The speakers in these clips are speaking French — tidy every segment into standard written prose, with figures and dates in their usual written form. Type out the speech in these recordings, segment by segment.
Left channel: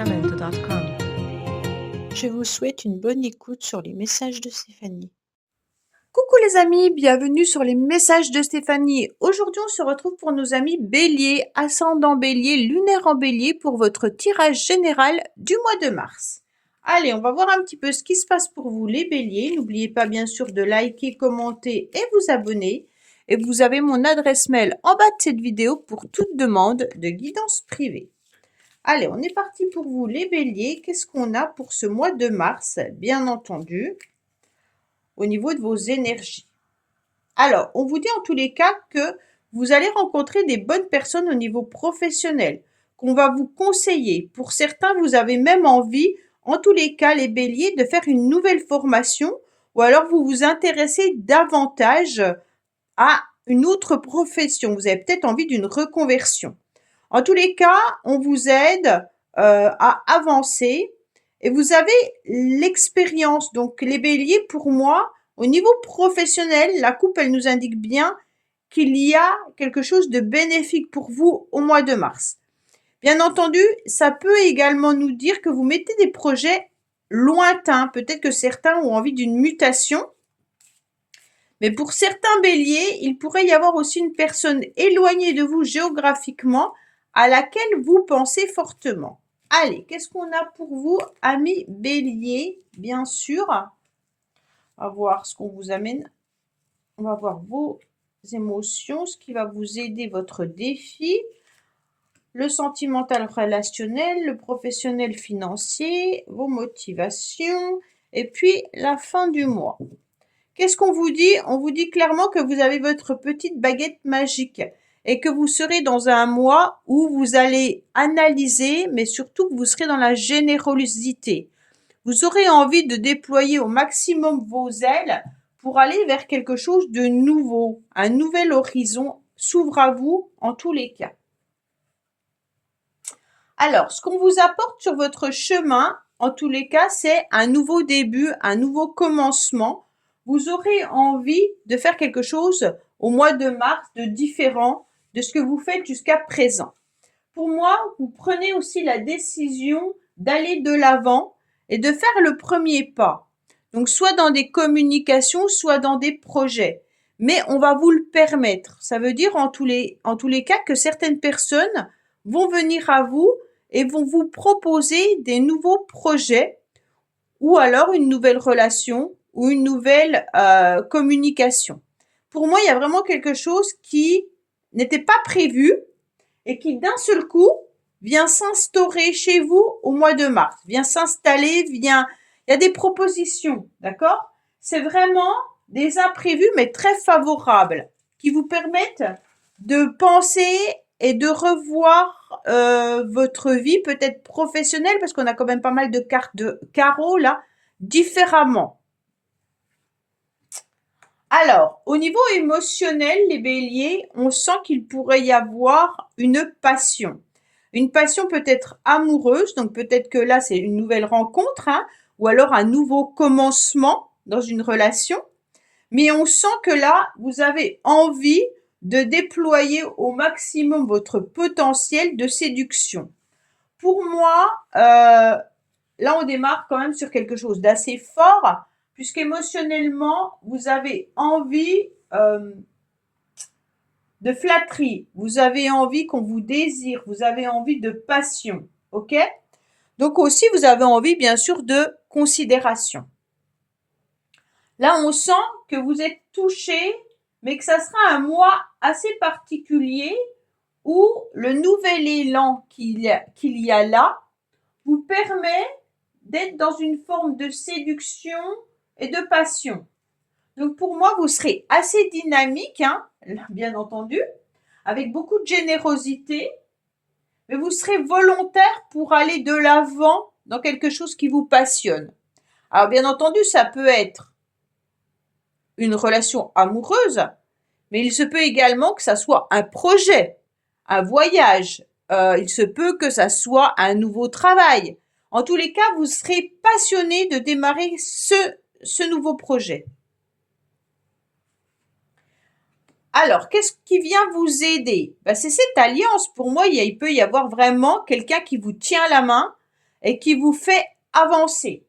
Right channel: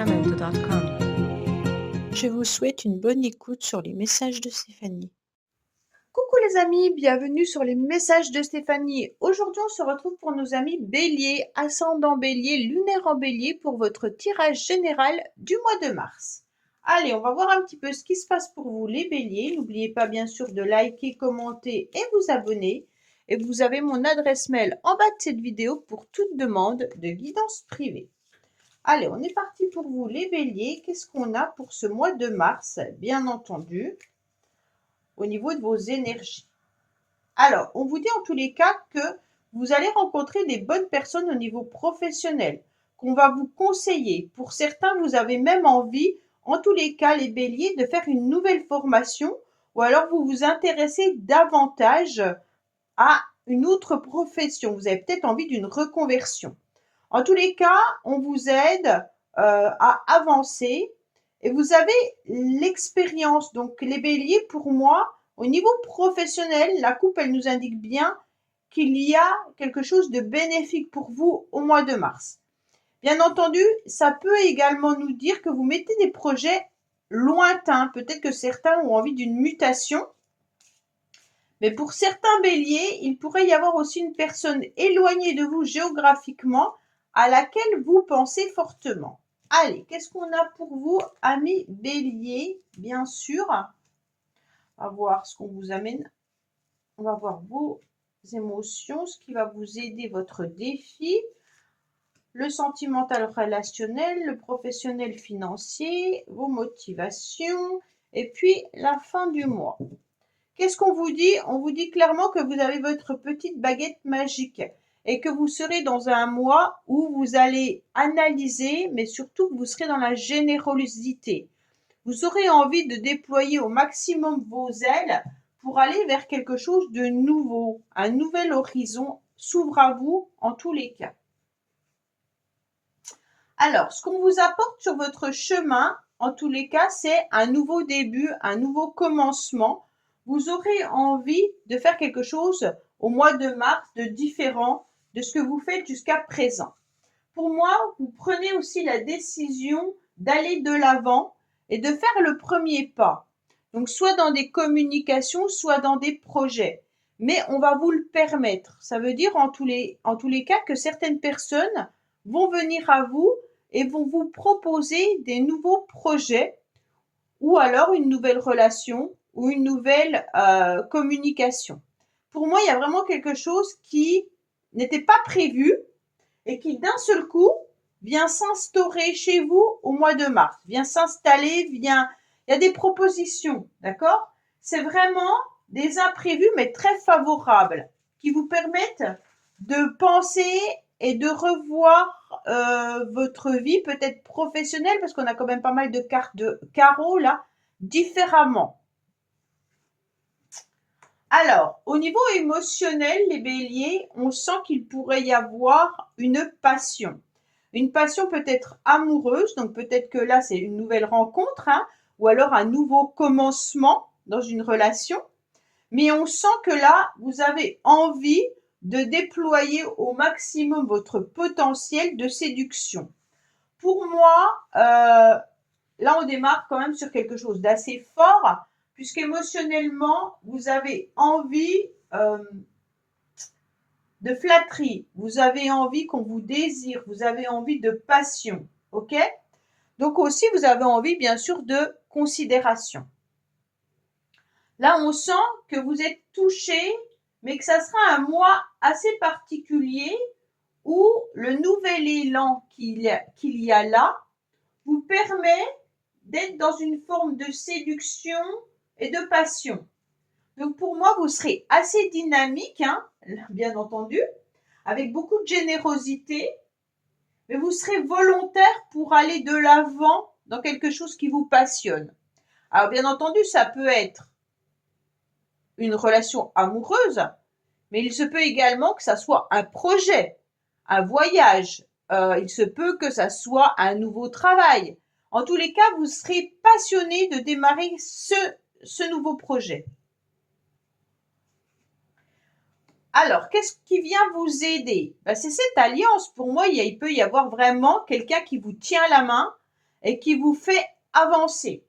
www.sacramento.com. Je vous souhaite une bonne écoute sur les messages de Stéphanie. Coucou les amis, bienvenue sur les messages de Stéphanie. Aujourd'hui, on se retrouve pour nos amis Bélier, ascendant Bélier, lunaire en Bélier pour votre tirage général du mois de mars. Allez, on va voir un petit peu ce qui se passe pour vous les Béliers. N'oubliez pas bien sûr de liker, commenter et vous abonner. Et vous avez mon adresse mail en bas de cette vidéo pour toute demande de guidance privée. Allez, on est parti pour vous les Béliers. Qu'est-ce qu'on a pour ce mois de mars? Bien entendu, au niveau de vos énergies. Alors, on vous dit en tous les cas que vous allez rencontrer des bonnes personnes au niveau professionnel, qu'on va vous conseiller. Pour certains, vous avez même envie, en tous les cas, les béliers, de faire une nouvelle formation ou alors vous vous intéressez davantage à une autre profession. Vous avez peut-être envie d'une reconversion. En tous les cas, on vous aide à avancer et vous avez l'expérience. Donc, les béliers, pour moi, au niveau professionnel, la coupe, elle nous indique bien qu'il y a quelque chose de bénéfique pour vous au mois de mars. Bien entendu, ça peut également nous dire que vous mettez des projets lointains. Peut-être que certains ont envie d'une mutation. Mais pour certains béliers, il pourrait y avoir aussi une personne éloignée de vous géographiquement à laquelle vous pensez fortement. Allez, qu'est-ce qu'on a pour vous, amis béliers? Bien sûr, on va voir ce qu'on vous amène. On va voir vos émotions, ce qui va vous aider, votre défi, le sentimental relationnel, le professionnel financier, vos motivations, et puis la fin du mois. Qu'est-ce qu'on vous dit? On vous dit clairement que vous avez votre petite baguette magique et que vous serez dans un mois où vous allez analyser, mais surtout que vous serez dans la générosité. Vous aurez envie de déployer au maximum vos ailes pour aller vers quelque chose de nouveau. Un nouvel horizon s'ouvre à vous en tous les cas. Alors, ce qu'on vous apporte sur votre chemin, en tous les cas, c'est un nouveau début, un nouveau commencement. Vous aurez envie de faire quelque chose au mois de mars de différent de ce que vous faites jusqu'à présent. Pour moi, vous prenez aussi la décision d'aller de l'avant et de faire le premier pas. Donc, soit dans des communications, soit dans des projets. Mais on va vous le permettre. Ça veut dire en tous les cas que certaines personnes vont venir à vous et vont vous proposer des nouveaux projets ou alors une nouvelle relation ou une nouvelle communication. Pour moi, il y a vraiment quelque chose qui n'était pas prévu et qui d'un seul coup vient s'instaurer chez vous au mois de mars, vient s'installer, il y a des propositions, d'accord? C'est vraiment des imprévus mais très favorables qui vous permettent de penser et de revoir votre vie peut-être professionnelle, parce qu'on a quand même pas mal de cartes de carreau là, différemment. Alors, au niveau émotionnel, les béliers, on sent qu'il pourrait y avoir une passion. Une passion peut-être amoureuse, donc peut-être que là, c'est une nouvelle rencontre, hein, ou alors un nouveau commencement dans une relation. Mais on sent que là, vous avez envie de déployer au maximum votre potentiel de séduction. Pour moi, là, on démarre quand même sur quelque chose d'assez fort, puisqu'émotionnellement, vous avez envie de flatterie, vous avez envie qu'on vous désire, vous avez envie de passion, ok? Donc aussi, vous avez envie, bien sûr, de considération. Là, on sent que vous êtes touché, mais que ça sera un mois assez particulier où le nouvel élan qu'il y a là vous permet d'être dans une forme de séduction et de passion. Donc pour moi, vous serez assez dynamique, hein, bien entendu, avec beaucoup de générosité, mais vous serez volontaire pour aller de l'avant dans quelque chose qui vous passionne. Alors bien entendu, ça peut être une relation amoureuse, mais il se peut également que ça soit un projet, un voyage. Il se peut que ça soit un nouveau travail. En tous les cas, vous serez passionné de démarrer ce nouveau projet. Alors, qu'est-ce qui vient vous aider? C'est cette alliance. Pour moi, il peut y avoir vraiment quelqu'un qui vous tient la main et qui vous fait avancer.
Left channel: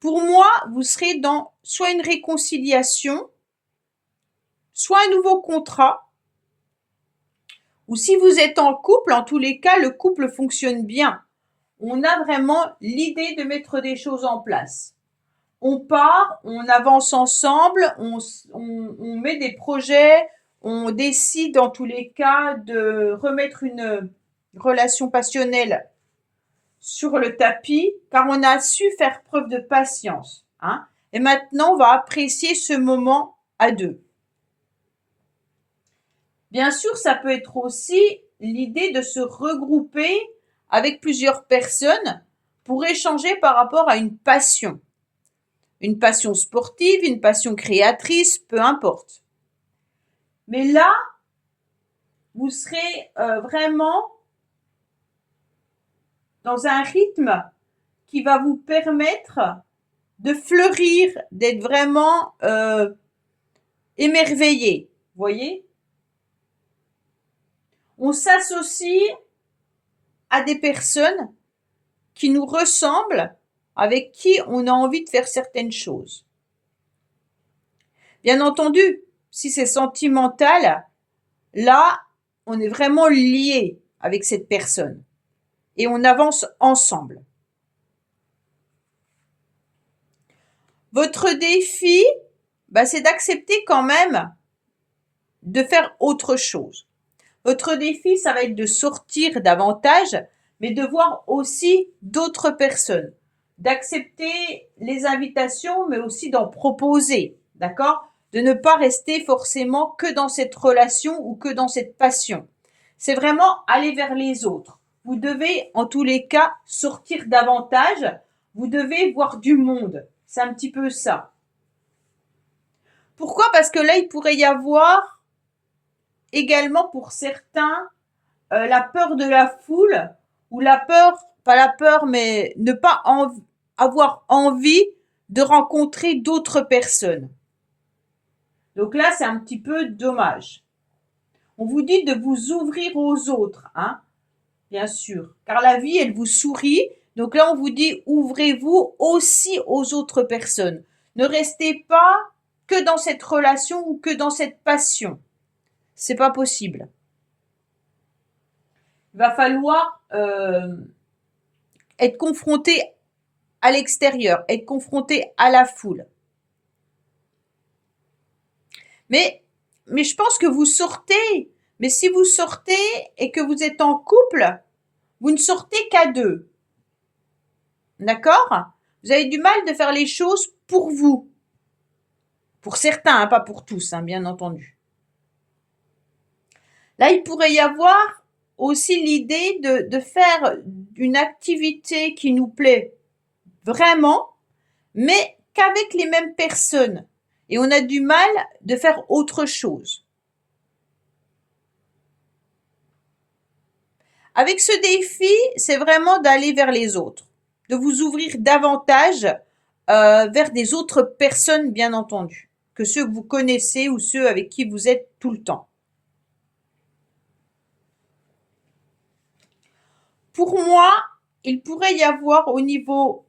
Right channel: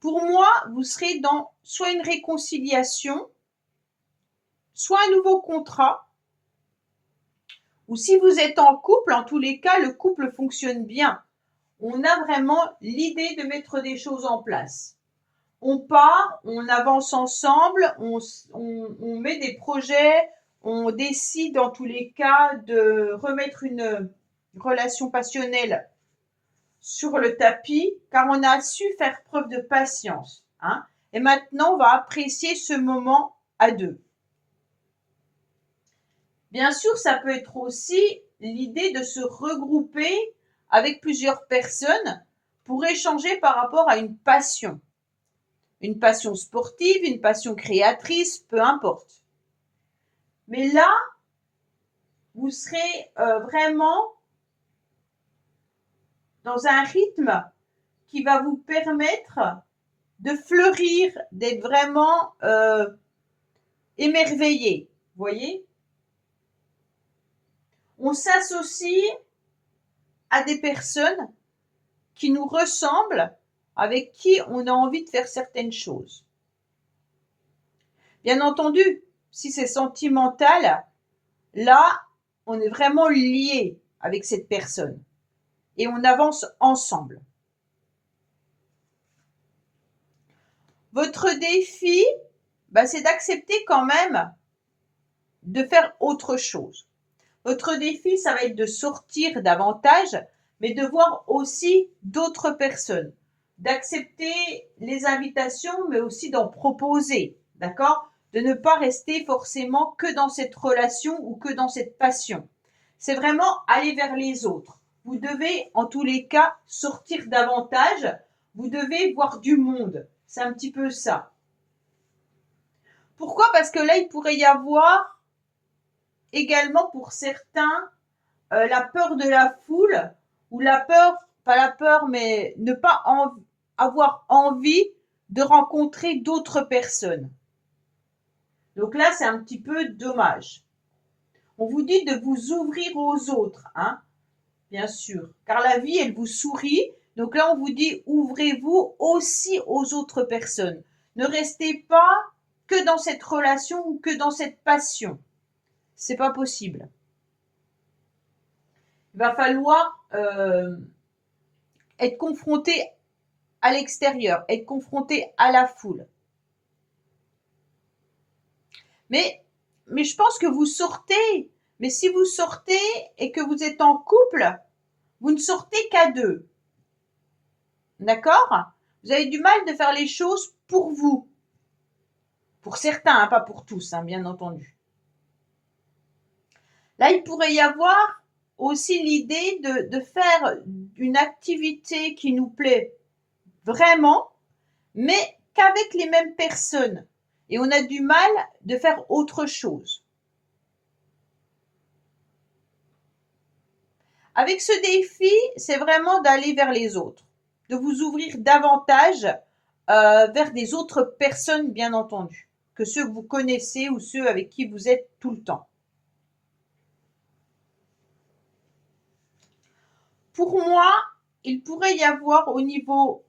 Pour moi, vous serez dans soit une réconciliation, soit un nouveau contrat, ou si vous êtes en couple, en tous les cas, le couple fonctionne bien. On a vraiment l'idée de mettre des choses en place. On part, on avance ensemble, on met des projets, on décide en tous les cas de remettre une relation passionnelle sur le tapis, car on a su faire preuve de patience. Hein. Et maintenant, on va apprécier ce moment à deux. Bien sûr, ça peut être aussi l'idée de se regrouper avec plusieurs personnes pour échanger par rapport à une passion. Une passion sportive, une passion créatrice, peu importe. Mais là, vous serez vraiment dans un rythme qui va vous permettre de fleurir, d'être vraiment émerveillé. Vous voyez ? On s'associe à des personnes qui nous ressemblent, avec qui on a envie de faire certaines choses. Bien entendu, si c'est sentimental, là, on est vraiment lié avec cette personne et on avance ensemble. Votre défi, c'est d'accepter quand même de faire autre chose. Votre défi, ça va être de sortir davantage, mais de voir aussi d'autres personnes, d'accepter les invitations, mais aussi d'en proposer, d'accord ? De ne pas rester forcément que dans cette relation ou que dans cette passion. C'est vraiment aller vers les autres. Vous devez, en tous les cas, sortir davantage. Vous devez voir du monde. C'est un petit peu ça. Pourquoi ? Parce que là, il pourrait y avoir également pour certains la peur de la foule ou la peur, pas la peur, mais ne pas avoir envie de rencontrer d'autres personnes. Donc là, c'est un petit peu dommage. On vous dit de vous ouvrir aux autres, hein, bien sûr, car la vie, elle vous sourit. Donc là, on vous dit ouvrez-vous aussi aux autres personnes. Ne restez pas que dans cette relation ou que dans cette passion. C'est pas possible. Il va falloir être confronté à l'extérieur, être confronté à la foule. Mais je pense que vous sortez. Mais si vous sortez et que vous êtes en couple, vous ne sortez qu'à deux. D'accord ? Vous avez du mal de faire les choses pour vous. Pour certains, hein, pas pour tous, hein, bien entendu. Là, il pourrait y avoir aussi l'idée de faire une activité qui nous plaît vraiment, mais qu'avec les mêmes personnes. Et on a du mal de faire autre chose. Avec ce défi, c'est vraiment d'aller vers les autres, de vous ouvrir davantage vers des autres personnes, bien entendu, que ceux que vous connaissez ou ceux avec qui vous êtes tout le temps. Pour moi, il pourrait y avoir au niveau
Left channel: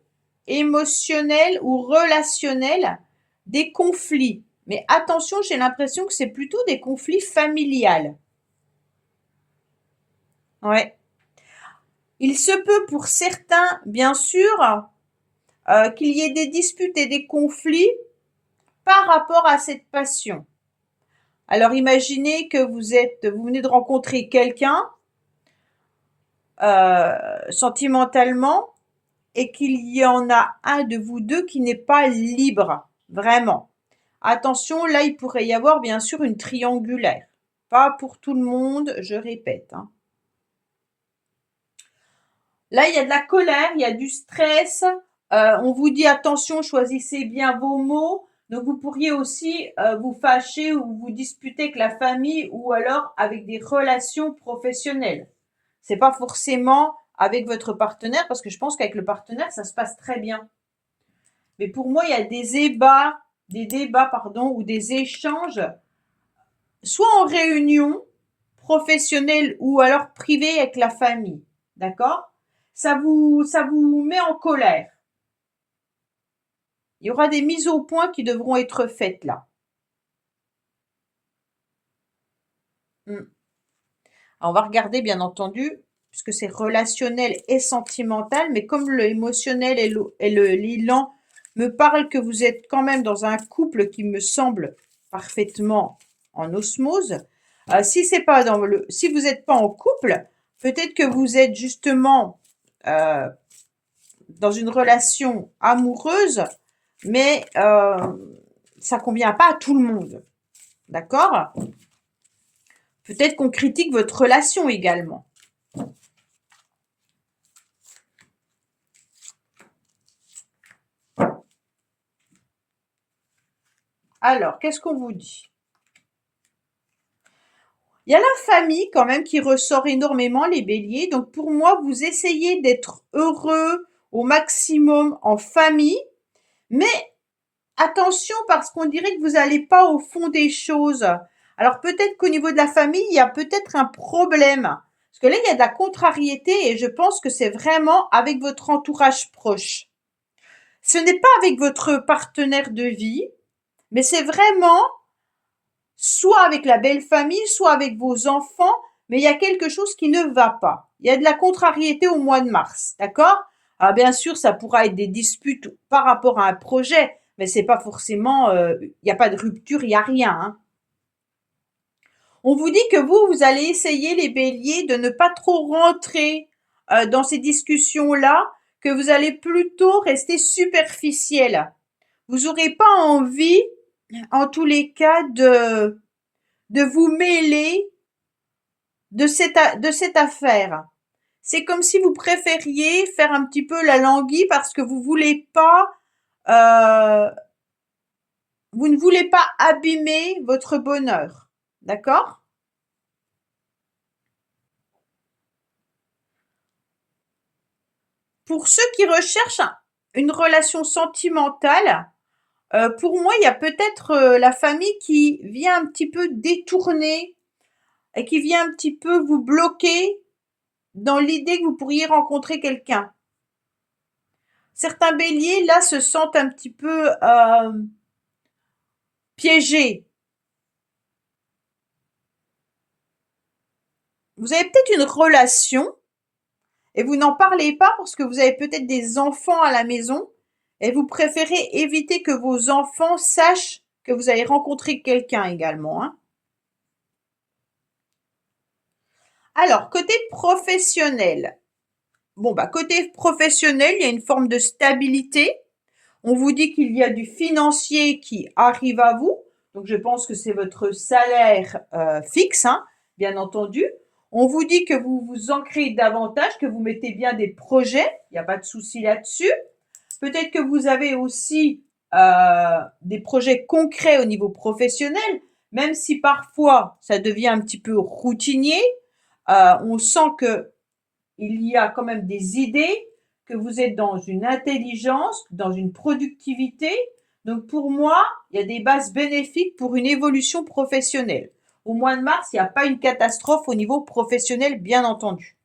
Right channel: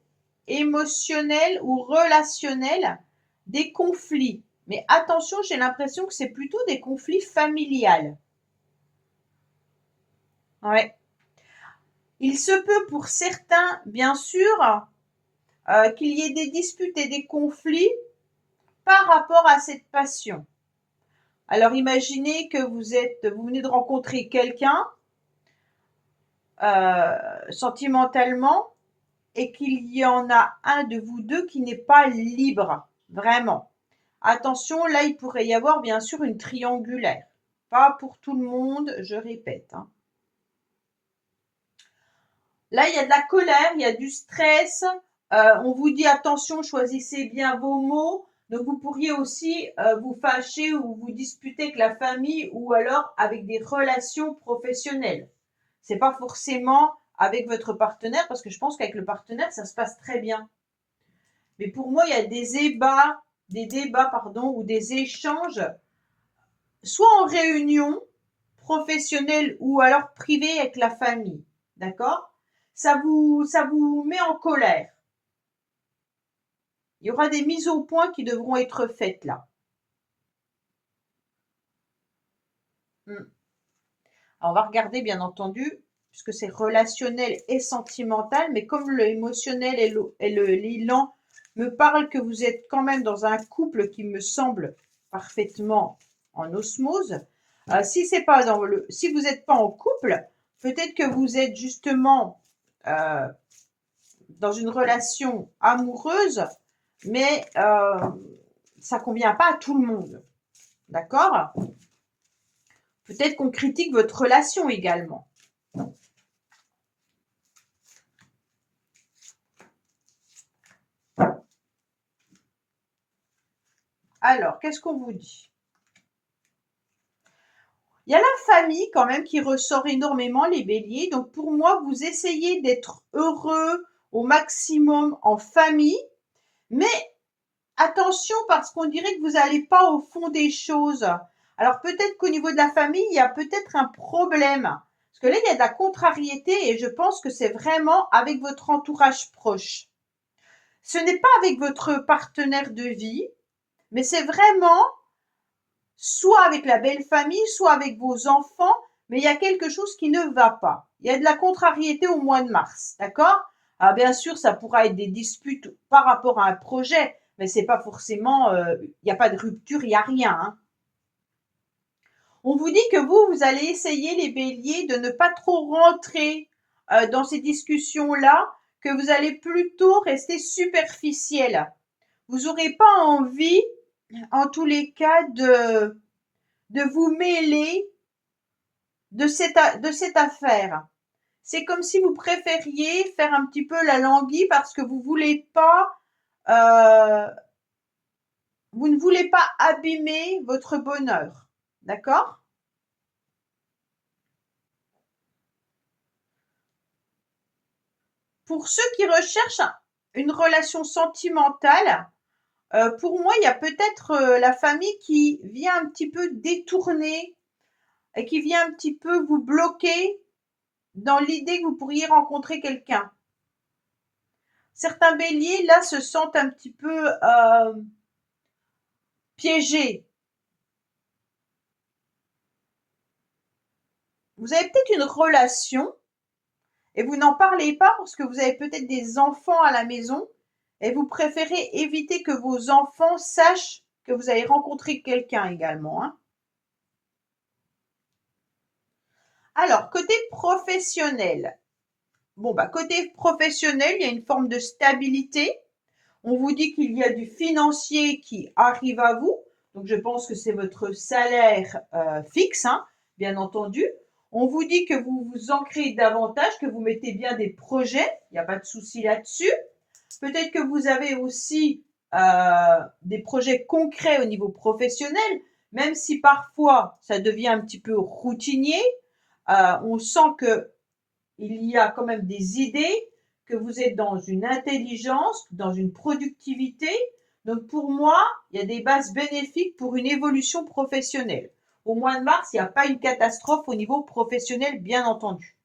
émotionnel ou relationnel des conflits. Mais attention, j'ai l'impression que c'est plutôt des conflits familiales. Ouais. Il se peut pour certains, bien sûr, qu'il y ait des disputes et des conflits par rapport à cette passion. Alors imaginez que vous venez de rencontrer quelqu'un sentimentalement et qu'il y en a un de vous deux qui n'est pas libre, vraiment. Attention, là, il pourrait y avoir bien sûr une triangulaire. Pas pour tout le monde, je répète. Hein. Là, il y a de la colère, il y a du stress. On vous dit attention, choisissez bien vos mots. Donc, vous pourriez aussi vous fâcher ou vous disputer avec la famille ou alors avec des relations professionnelles. C'est pas forcément avec votre partenaire parce que je pense qu'avec le partenaire, ça se passe très bien. Mais pour moi, il y a des débats, ou des échanges, soit en réunion professionnelle ou alors privée avec la famille. D'accord ? ça vous met en colère. Il y aura des mises au point qui devront être faites là. Alors, on va regarder, bien entendu, puisque c'est relationnel et sentimental, mais comme le émotionnel et l'élan me parlent que vous êtes quand même dans un couple qui me semble parfaitement en osmose. Si vous n'êtes pas en couple, peut-être que vous êtes justement dans une relation amoureuse, mais ça convient pas à tout le monde. D'accord? Peut-être qu'on critique votre relation également. Alors, qu'est-ce qu'on vous dit? Il y a la famille quand même qui ressort énormément, les béliers. Donc pour moi, vous essayez d'être heureux au maximum en famille. Mais attention parce qu'on dirait que vous n'allez pas au fond des choses. Alors peut-être qu'au niveau de la famille, il y a peut-être un problème. Parce que là, il y a de la contrariété et je pense que c'est vraiment avec votre entourage proche. Ce n'est pas avec votre partenaire de vie, mais c'est vraiment soit avec la belle famille, soit avec vos enfants, mais il y a quelque chose qui ne va pas. Il y a de la contrariété au mois de mars, d'accord? Ah, bien sûr, ça pourra être des disputes par rapport à un projet, mais c'est pas forcément, il n'y a pas de rupture, il n'y a rien, hein. On vous dit que vous allez essayer, les béliers, de ne pas trop rentrer dans ces discussions-là, que vous allez plutôt rester superficiel. Vous n'aurez pas envie, en tous les cas, de vous mêler de cette affaire. C'est comme si vous préfériez faire un petit peu la languille parce que vous ne voulez pas abîmer votre bonheur. D'accord? Pour ceux qui recherchent une relation sentimentale, pour moi, il y a peut-être la famille qui vient un petit peu détourner et qui vient un petit peu vous bloquer dans l'idée que vous pourriez rencontrer quelqu'un. Certains béliers, là, se sentent un petit peu piégés. Vous avez peut-être une relation et vous n'en parlez pas parce que vous avez peut-être des enfants à la maison et vous préférez éviter que vos enfants sachent que vous avez rencontré quelqu'un également, hein. Alors, côté professionnel. Bon, côté professionnel, il y a une forme de stabilité. On vous dit qu'il y a du financier qui arrive à vous. Donc, je pense que c'est votre salaire fixe, hein, bien entendu. On vous dit que vous vous ancrez davantage, que vous mettez bien des projets. Il n'y a pas de souci là-dessus. Peut-être que vous avez aussi des projets concrets au niveau professionnel, même si parfois ça devient un petit peu routinier. On sent que il y a quand même des idées, que vous êtes dans une intelligence, dans une productivité. Donc pour moi, il y a des bases bénéfiques pour une évolution professionnelle. Au mois de mars, il n'y a pas une catastrophe au niveau professionnel, bien entendu.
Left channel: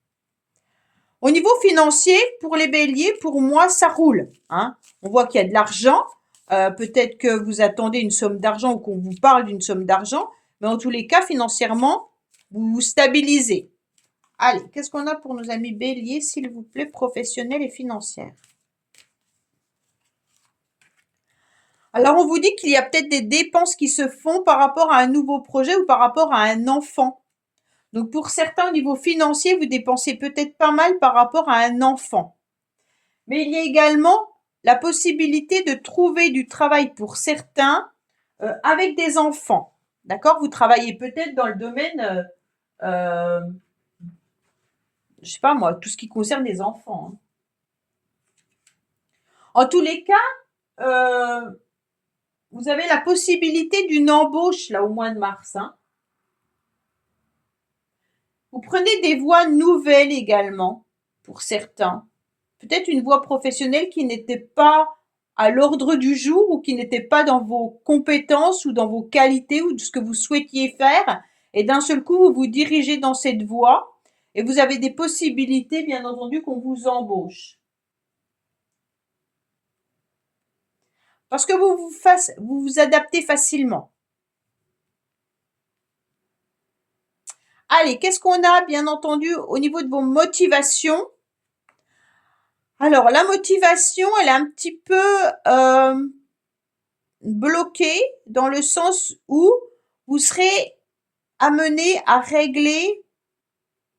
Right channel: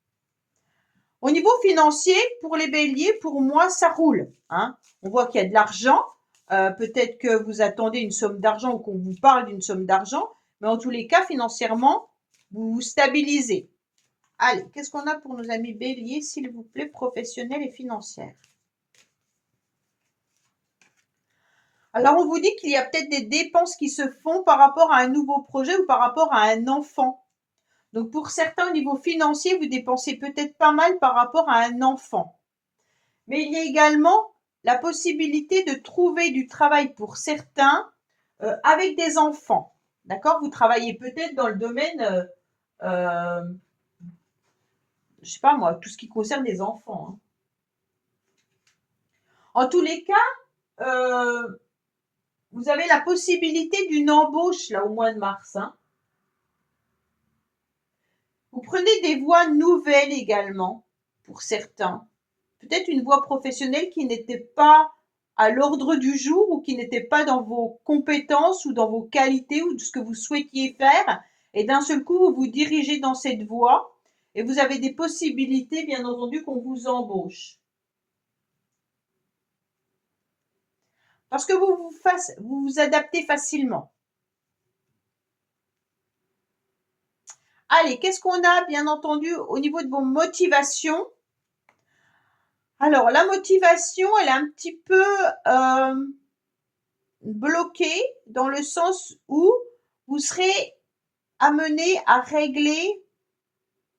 Au niveau financier, pour les béliers, pour moi, ça roule, hein. On voit qu'il y a de l'argent. Peut-être que vous attendez une somme d'argent ou qu'on vous parle d'une somme d'argent. Mais en tous les cas, financièrement, vous vous stabilisez. Allez, qu'est-ce qu'on a pour nos amis béliers, s'il vous plaît, professionnels et financières? Alors, on vous dit qu'il y a peut-être des dépenses qui se font par rapport à un nouveau projet ou par rapport à un enfant. Donc, pour certains, au niveau financier, vous dépensez peut-être pas mal par rapport à un enfant. Mais il y a également la possibilité de trouver du travail pour certains avec des enfants. D'accord? Vous travaillez peut-être dans le domaine je sais pas moi, tout ce qui concerne les enfants, hein. En tous les cas, vous avez la possibilité d'une embauche là au mois de mars, hein. Vous prenez des voies nouvelles également pour certains. Peut-être une voie professionnelle qui n'était pas à l'ordre du jour ou qui n'était pas dans vos compétences ou dans vos qualités ou de ce que vous souhaitiez faire. Et d'un seul coup, vous vous dirigez dans cette voie Et vous avez des possibilités, bien entendu, qu'on vous embauche. Parce que vous vous adaptez facilement. Allez, qu'est-ce qu'on a, bien entendu, au niveau de vos motivations? Alors, la motivation, elle est un petit peu bloquée dans le sens où vous serez amené à régler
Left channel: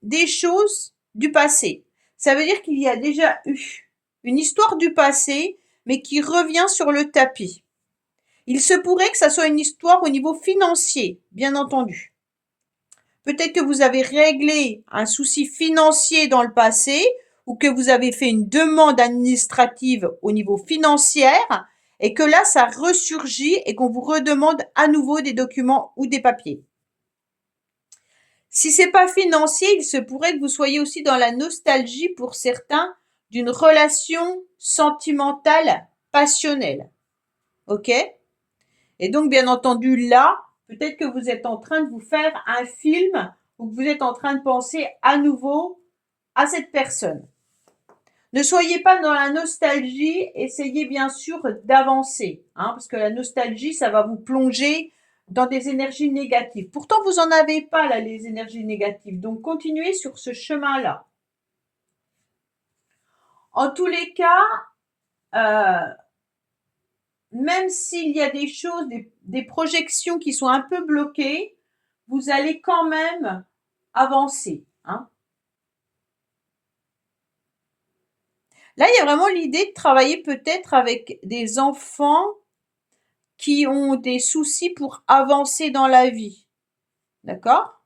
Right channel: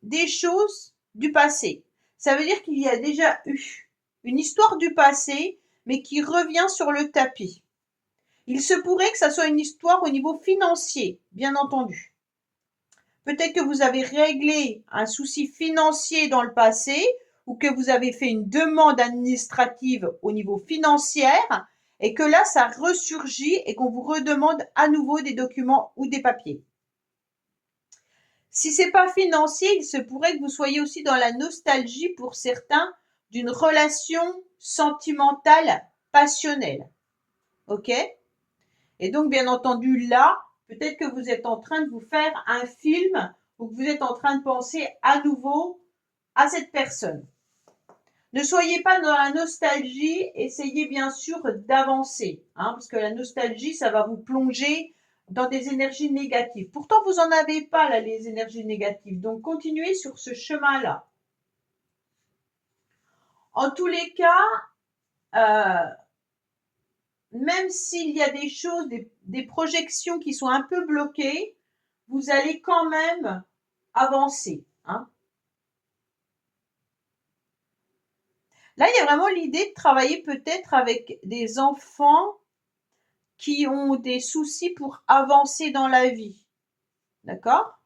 des choses du passé. Ça veut dire qu'il y a déjà eu une histoire du passé, mais qui revient sur le tapis. Il se pourrait que ça soit une histoire au niveau financier, bien entendu. Peut-être que vous avez réglé un souci financier dans le passé ou que vous avez fait une demande administrative au niveau financier et que là, ça ressurgit et qu'on vous redemande à nouveau des documents ou des papiers. Si c'est pas financier, il se pourrait que vous soyez aussi dans la nostalgie pour certains d'une relation sentimentale, passionnelle. OK? Et donc, bien entendu, là, peut-être que vous êtes en train de vous faire un film ou que vous êtes en train de penser à nouveau à cette personne. Ne soyez pas dans la nostalgie, essayez bien sûr d'avancer, parce que la nostalgie, ça va vous plonger dans des énergies négatives. Pourtant, vous n'en avez pas, là, les énergies négatives. Donc, continuez sur ce chemin-là. En tous les cas, même s'il y a des choses, des projections qui sont un peu bloquées, vous allez quand même avancer. Là, il y a vraiment l'idée de travailler peut-être avec des enfants qui ont des soucis pour avancer dans la vie. D'accord?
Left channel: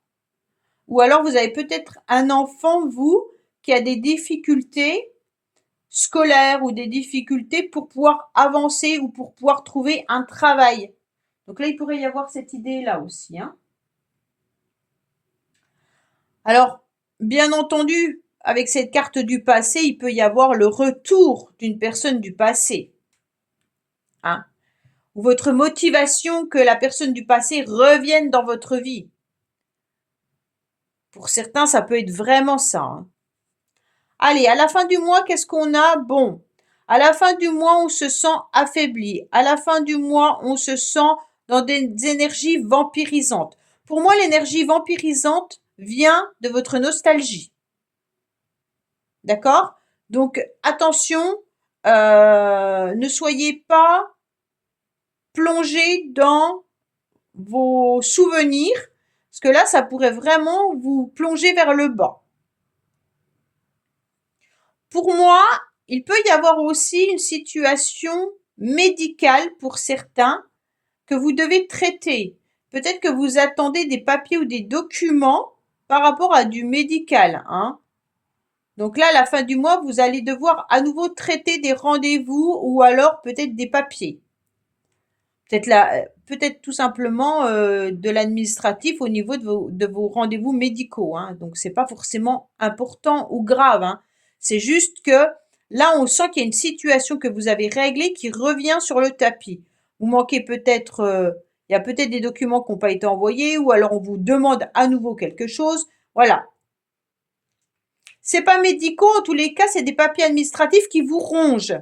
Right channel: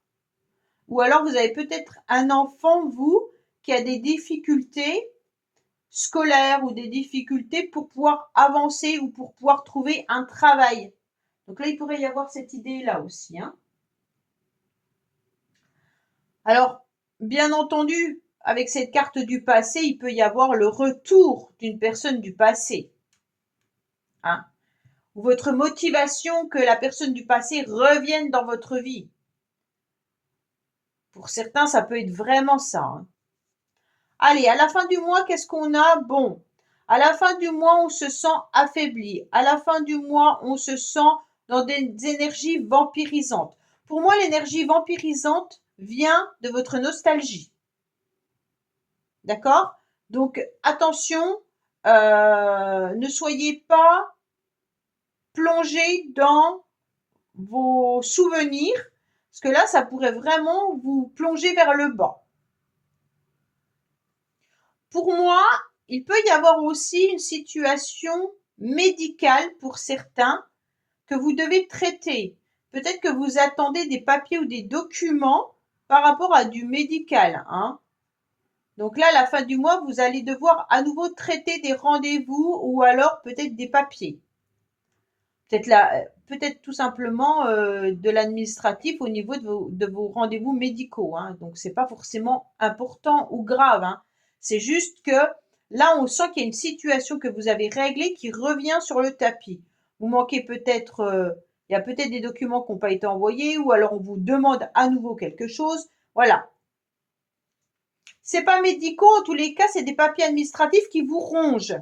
Ou alors vous avez peut-être un enfant, vous, qui a des difficultés scolaires ou des difficultés pour pouvoir avancer ou pour pouvoir trouver un travail. Donc là, il pourrait y avoir cette idée-là aussi. Alors, bien entendu, avec cette carte du passé, il peut y avoir le retour d'une personne du passé. Ou votre motivation que la personne du passé revienne dans votre vie. Pour certains, ça peut être vraiment ça. Allez, à la fin du mois, qu'est-ce qu'on a? Bon, à la fin du mois, on se sent affaibli. À la fin du mois, on se sent dans des énergies vampirisantes. Pour moi, l'énergie vampirisante vient de votre nostalgie. D'accord? Donc, attention, ne soyez pas plongé dans vos souvenirs, parce que là, ça pourrait vraiment vous plonger vers le bas. Pour moi, il peut y avoir aussi une situation médicale pour certains que vous devez traiter. Peut-être que vous attendez des papiers ou des documents par rapport à du médical. Donc là, à la fin du mois, vous allez devoir à nouveau traiter des rendez-vous ou alors peut-être des papiers. Peut-être tout simplement de l'administratif au niveau de vos rendez-vous médicaux. Donc c'est pas forcément important ou grave. C'est juste que là, on sent qu'il y a une situation que vous avez réglée qui revient sur le tapis. Vous manquez peut-être, il y a peut-être des documents qui n'ont pas été envoyés ou alors on vous demande à nouveau quelque chose. Voilà. C'est pas médicaux, en tous les cas, c'est des papiers administratifs qui vous rongent.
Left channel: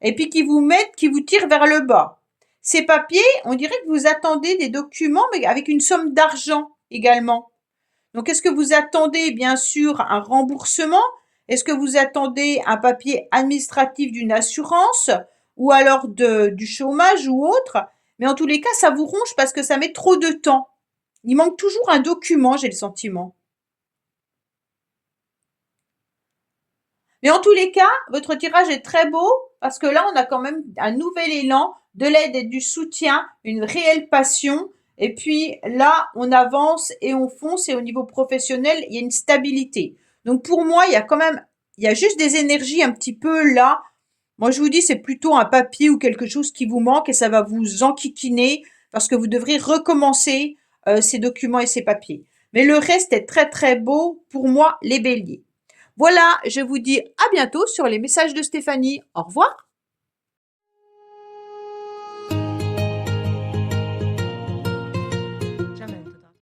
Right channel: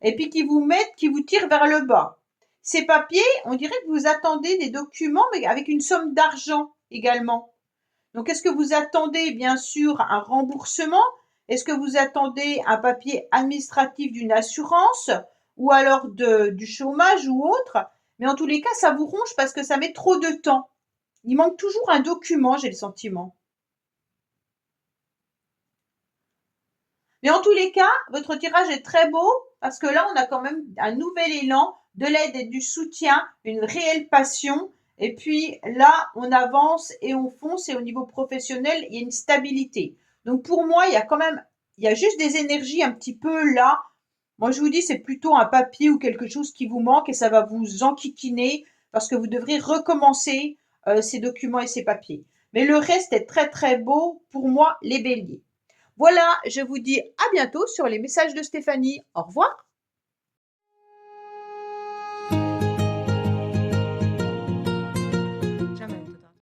Et puis qui vous tirent vers le bas. Ces papiers, on dirait que vous attendez des documents, mais avec une somme d'argent également. Donc, est-ce que vous attendez, bien sûr, un remboursement? Est-ce que vous attendez un papier administratif d'une assurance ou alors du chômage ou autre? Mais en tous les cas, ça vous ronge parce que ça met trop de temps. Il manque toujours un document, j'ai le sentiment. Mais en tous les cas, votre tirage est très beau parce que là, on a quand même un nouvel élan, de l'aide et du soutien, une réelle passion. Et puis là, on avance et on fonce et au niveau professionnel, il y a une stabilité. Donc pour moi, il y a juste des énergies un petit peu là. Moi, je vous dis, c'est plutôt un papier ou quelque chose qui vous manque et ça va vous enquiquiner parce que vous devrez recommencer ces documents et ces papiers. Mais le reste est très très beau pour moi, les béliers. Voilà, je vous dis à bientôt sur les messages de Stéphanie. Au revoir.